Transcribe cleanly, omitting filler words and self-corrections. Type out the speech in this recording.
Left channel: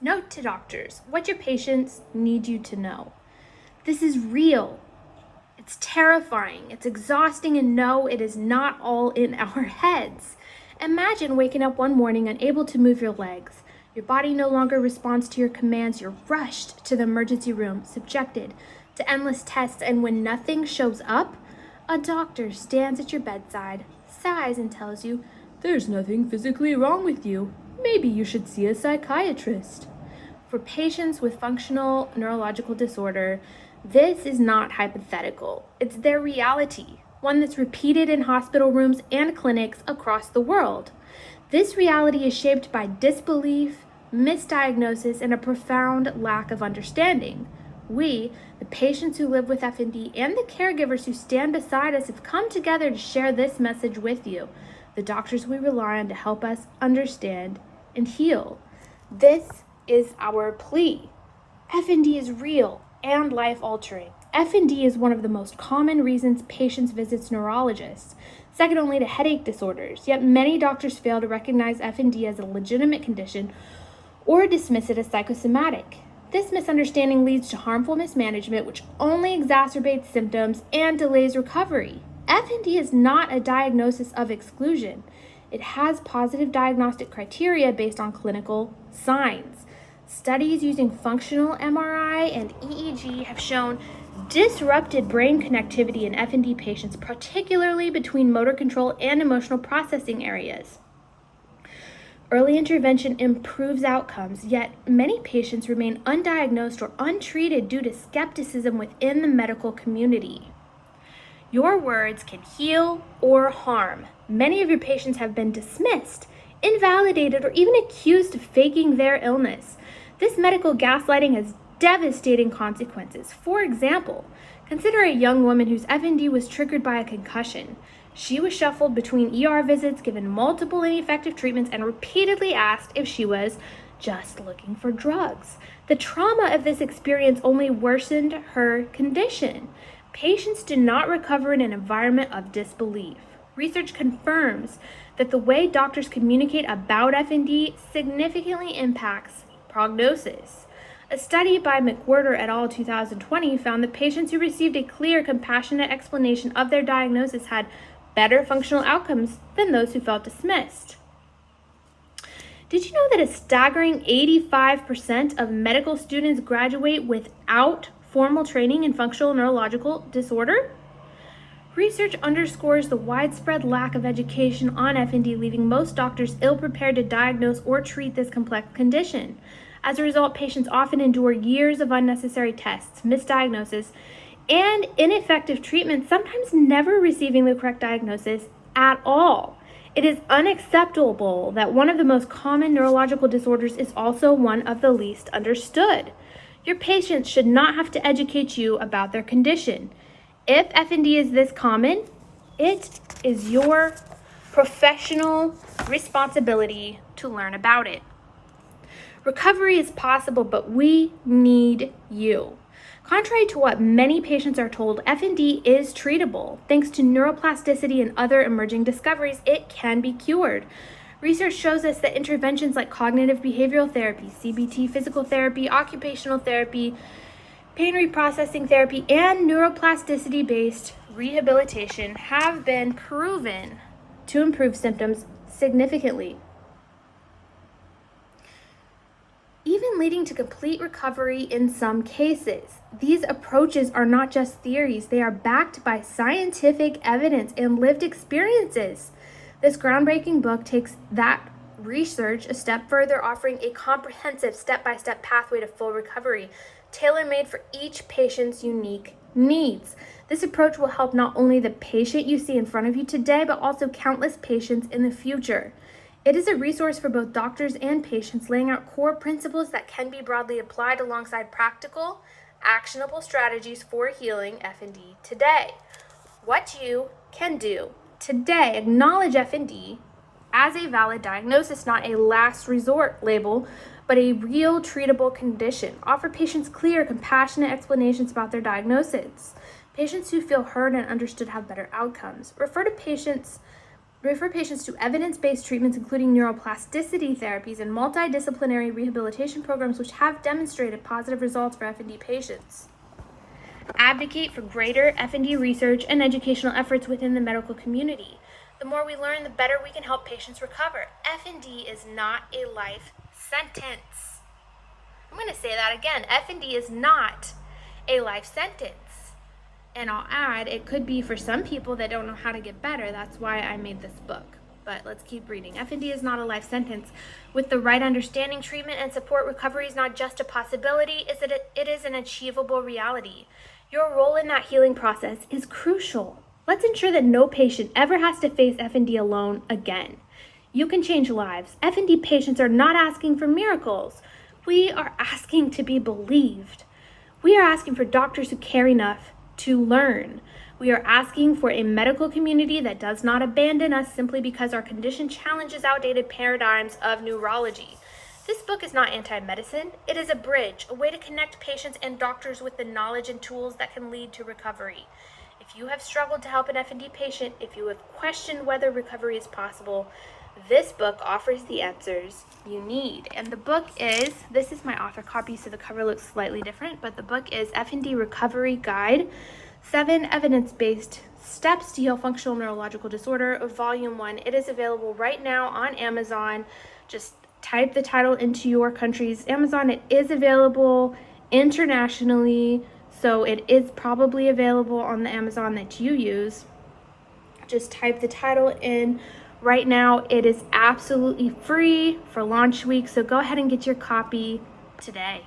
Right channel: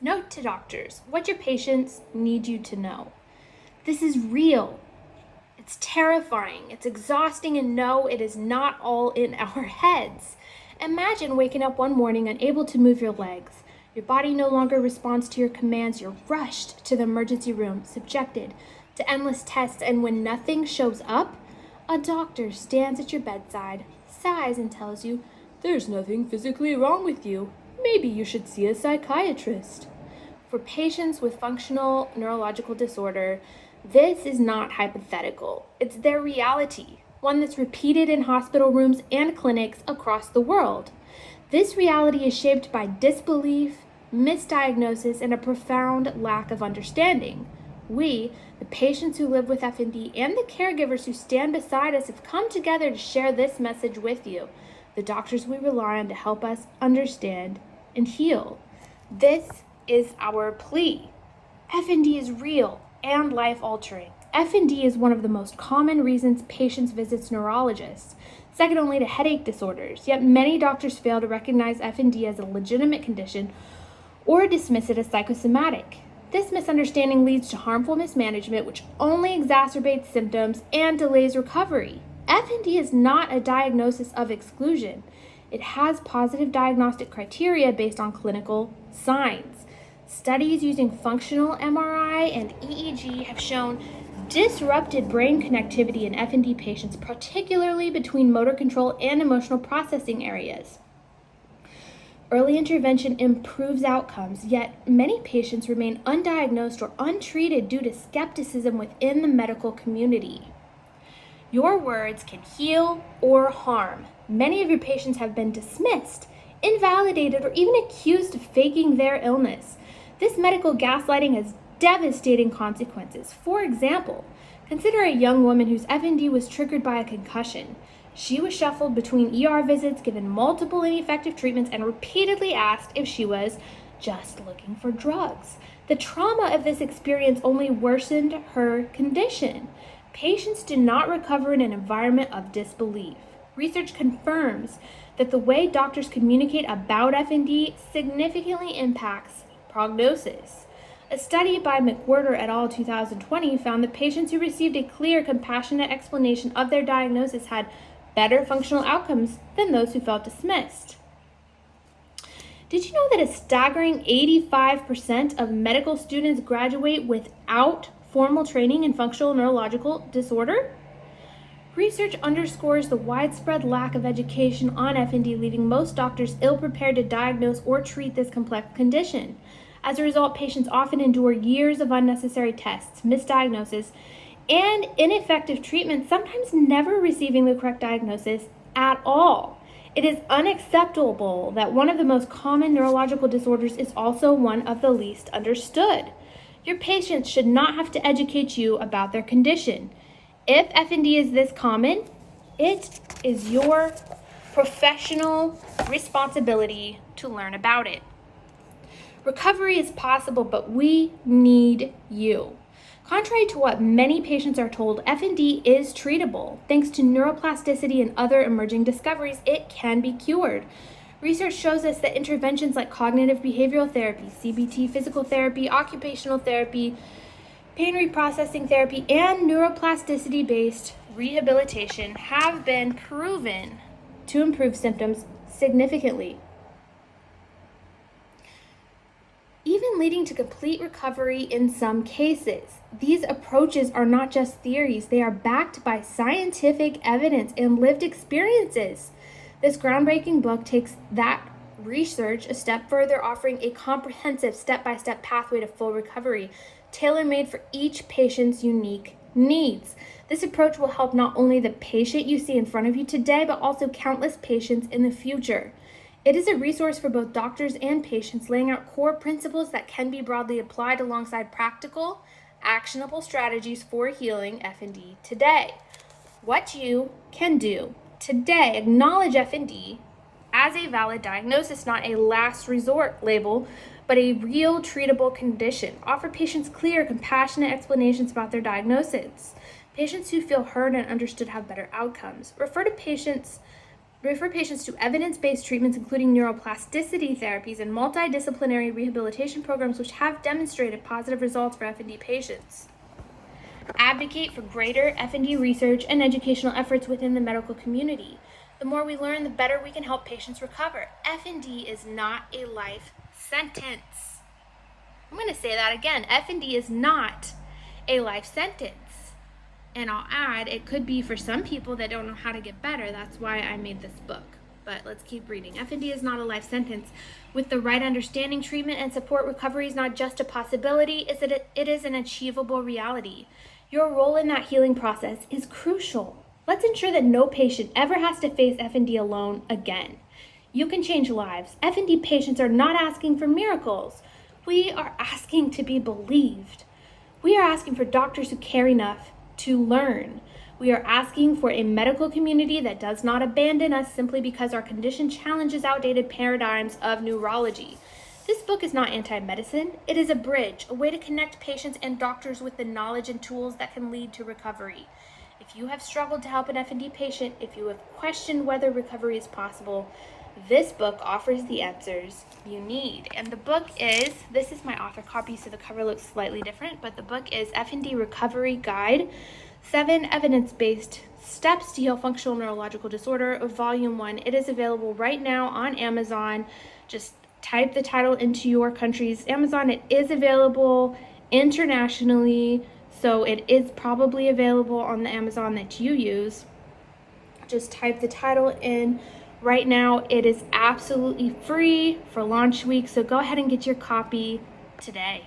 Note to doctors, what your patients need you to know. This is real. It's terrifying. It's exhausting, and no, it is not all in our heads. Imagine waking up one morning unable to move your legs. Your body no longer responds to your commands. You're rushed to the emergency room, subjected to endless tests, and when nothing shows up, a doctor stands at your bedside, sighs, and tells you, "There's nothing physically wrong with you. Maybe you should see a psychiatrist." For patients with functional neurological disorder, this is not hypothetical. It's their reality, one that's repeated in hospital rooms and clinics across the world. This reality is shaped by disbelief, misdiagnosis, and a profound lack of understanding. We, the patients who live with FND, and the caregivers who stand beside us have come together to share this message with you, the doctors we rely on to help us understand and heal. This is our plea. FND is real and life-altering. FND is one of the most common reasons patients visit neurologists, second only to headache disorders, yet many doctors fail to recognize FND as a legitimate condition or dismiss it as psychosomatic. This misunderstanding leads to harmful mismanagement, which only exacerbates symptoms and delays recovery. FND is not a diagnosis of exclusion. It has positive diagnostic criteria based on clinical signs. Studies using functional MRI and EEG have shown disrupted brain connectivity in FND patients, particularly between motor control and emotional processing areas. Early intervention improves outcomes, yet many patients remain undiagnosed or untreated due to skepticism within the medical community. Your words can heal or harm. Many of your patients have been dismissed, invalidated, or even accused of faking their illness. This medical gaslighting has devastating consequences. For example, consider a young woman whose FND was triggered by a concussion. She was shuffled between ER visits, given multiple ineffective treatments, and repeatedly asked if she was just looking for drugs. The trauma of this experience only worsened her condition. Patients do not recover in an environment of disbelief. Research confirms that the way doctors communicate about FND significantly impacts prognosis. A study by McWhorter et al. 2020 found that patients who received a clear, compassionate explanation of their diagnosis had better functional outcomes than those who felt dismissed. Did you know that a staggering 85% of medical students graduate without formal training in functional neurological disorder? Research underscores the widespread lack of education on FND, leaving most doctors ill-prepared to diagnose or treat this complex condition. As a result, patients often endure years of unnecessary tests, misdiagnosis, and ineffective treatment, sometimes never receiving the correct diagnosis at all. It is unacceptable that one of the most common neurological disorders is also one of the least understood. Your patients should not have to educate you about their condition. If FND is this common, it is your professional responsibility to learn about it. Recovery is possible, but we need you. Contrary to what many patients are told, FND is treatable. Thanks to neuroplasticity and other emerging discoveries, it can be cured. Research shows us that interventions like cognitive behavioral therapy, CBT, physical therapy, occupational therapy, pain reprocessing therapy, and neuroplasticity-based rehabilitation have been proven to improve symptoms significantly, even leading to complete recovery in some cases. These approaches are not just theories, they are backed by scientific evidence and lived experiences. This groundbreaking book takes that research a step further, offering a comprehensive step-by-step pathway to full recovery, tailor-made for each patient's unique needs. This approach will help not only the patient you see in front of you today, but also countless patients in the future. It is a resource for both doctors and patients, laying out core principles that can be broadly applied alongside practical, actionable strategies for healing FND today. What you can do today: acknowledge FND as a valid diagnosis, not a last resort label, but a real treatable condition. Offer patients clear, compassionate explanations about their diagnosis. Patients who feel heard and understood have better outcomes. Refer to patients We refer patients to evidence-based treatments, including neuroplasticity therapies and multidisciplinary rehabilitation programs, which have demonstrated positive results for FND patients. Advocate for greater FND research and educational efforts within the medical community. The more we learn, the better we can help patients recover. FND is not a life sentence. I'm going to say that again. FND is not a life sentence. And I'll add, it could be for some people that don't know how to get better. That's why I made this book. But let's keep reading. FND is not a life sentence. With the right understanding, treatment, and support, recovery is not just a possibility, it is an achievable reality. Your role in that healing process is crucial. Let's ensure that no patient ever has to face FND alone again. You can change lives. FND patients are not asking for miracles. We are asking to be believed. We are asking for doctors who care enough to learn. We are asking for a medical community that does not abandon us simply because our condition challenges outdated paradigms of neurology. This book is not anti-medicine. It is a bridge, a way to connect patients and doctors with the knowledge and tools that can lead to recovery. If you have struggled to help an FND patient, if you have questioned whether recovery is possible, this book offers the answers you need. And the book is, this is my author copy, so the cover looks slightly different, but the book is FND Recovery Guide, 7 Evidence-Based Steps to Heal Functional Neurological Disorder, Volume 1. It is available right now on Amazon. Just type the title into your country's Amazon. It is available internationally, so it is probably available on the Amazon that you use. Just type the title in. Right now, it is absolutely free for launch week, so go ahead and get your copy today.